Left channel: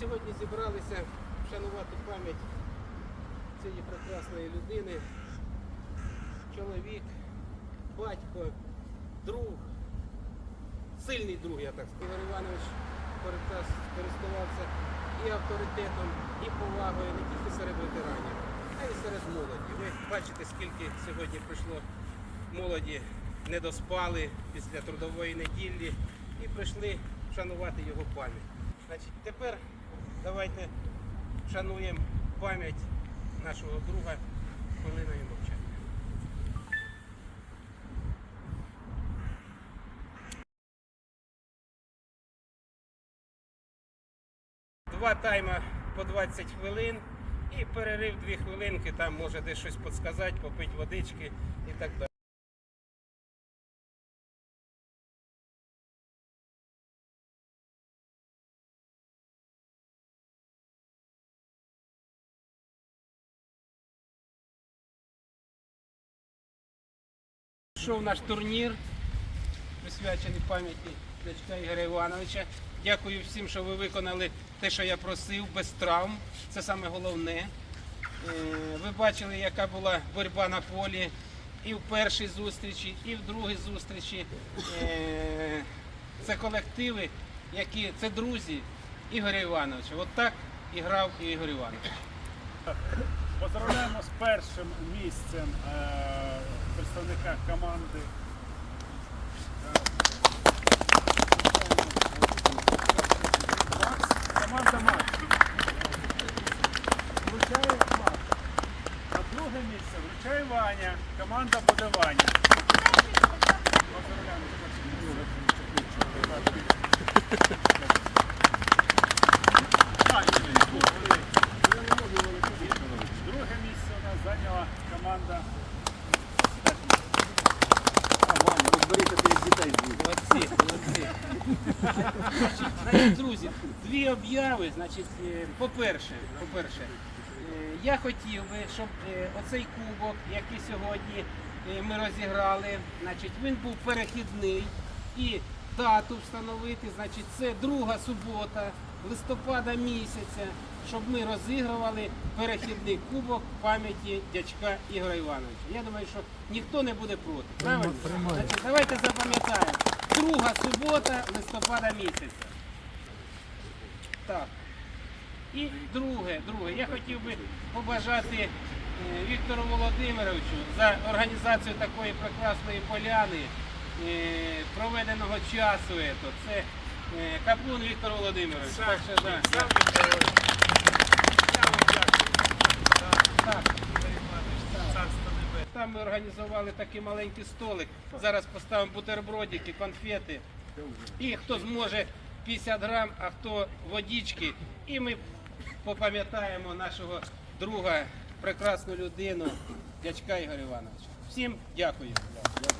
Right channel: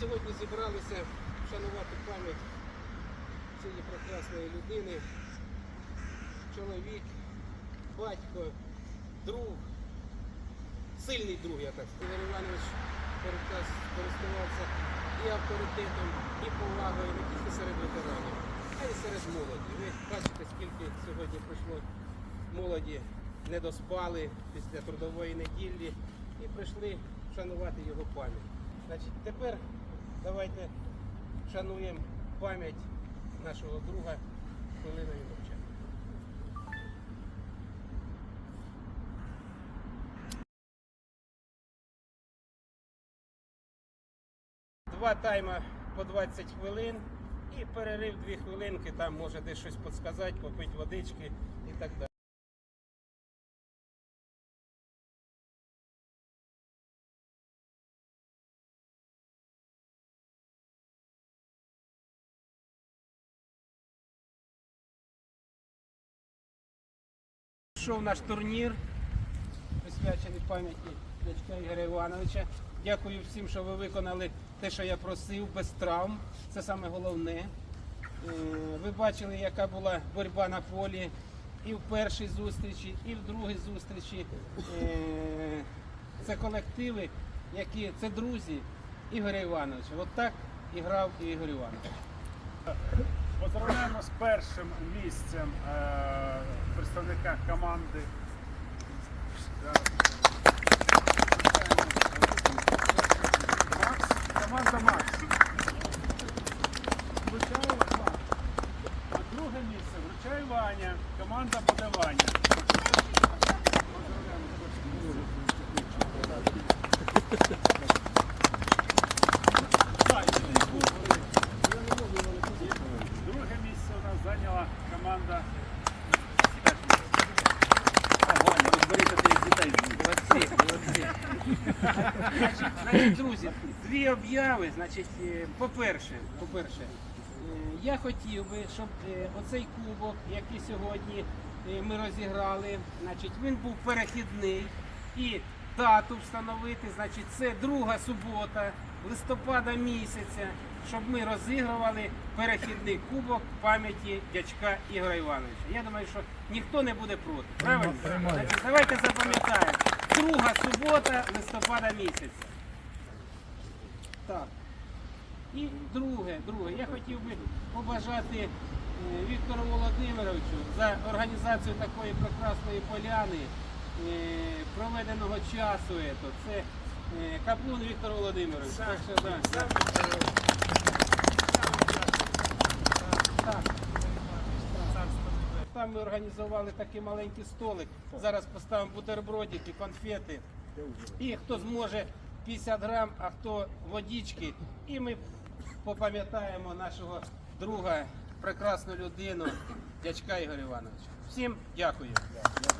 сьогодні зібралися вшанувати пам'ять цієї прекрасної людини, чоловік, батько, друг, сильний друг, я так скажу. Ігор Іванович користувався і авторитетом, і повагою не тільки серед ветеранів, а й серед молоді. Ви бачите, скільки сьогодні прийшло молоді, не доспали після трудової неділі і прийшли вшанувати його пам'ять. Значить, тепер давайте вшануємо пам'ять нашого друга хвилиною мовчання. Два тайма по 20 хвилин і перерив 2 хвилинки, там може десь щось підсказати, попити водички і так далі. Пішов наш турнір, присвячений пам'яті дядька Ігоря Івановича. Дякую всім, що ви виконали те, що я просив, без травм. Це саме головне. Е, Ви бачили, яка була боротьба на полі і в першій зустрічі, і в другій зустрічі. Е, Це колективи, які це друзі Ігоря Івановича. От так і грав Ігор Іванович. Поздравляємо з першим місцем е, представника команди. Значить, значить, друзі, дві обяви. Значить, е, по-перше, по-перше, е, я хотів би, щоб е, оцей кубок, який сьогодні е, ми розіграли, значить, він був перехідний і дату встановити. Значить, це друга субота листопада місяця, щоб ми розігрували перехідний кубок пам'яті дядька Ігоря Івановича. Я думаю, що ніхто не буде проти. Правильно? Значить, давайте запам'ятаємо. Друга субота листопада місяця. Так. І друге, друге, я хотів би побажати е, Віктору Володимировичу за організацію такої прекрасної поляни, е, проведеного часу. Це е, Каплун Віктор Володимирович. Так, що, да. Так. Ми організували такий маленький столик. Зараз поставимо бутербродики, конфети. І хто зможе 50 грам, а хто водички. І ми попам'ятаємо нашого друга, прекрасну людину, дячка Ігоря Івановича. Всім дякую. Дякуємо.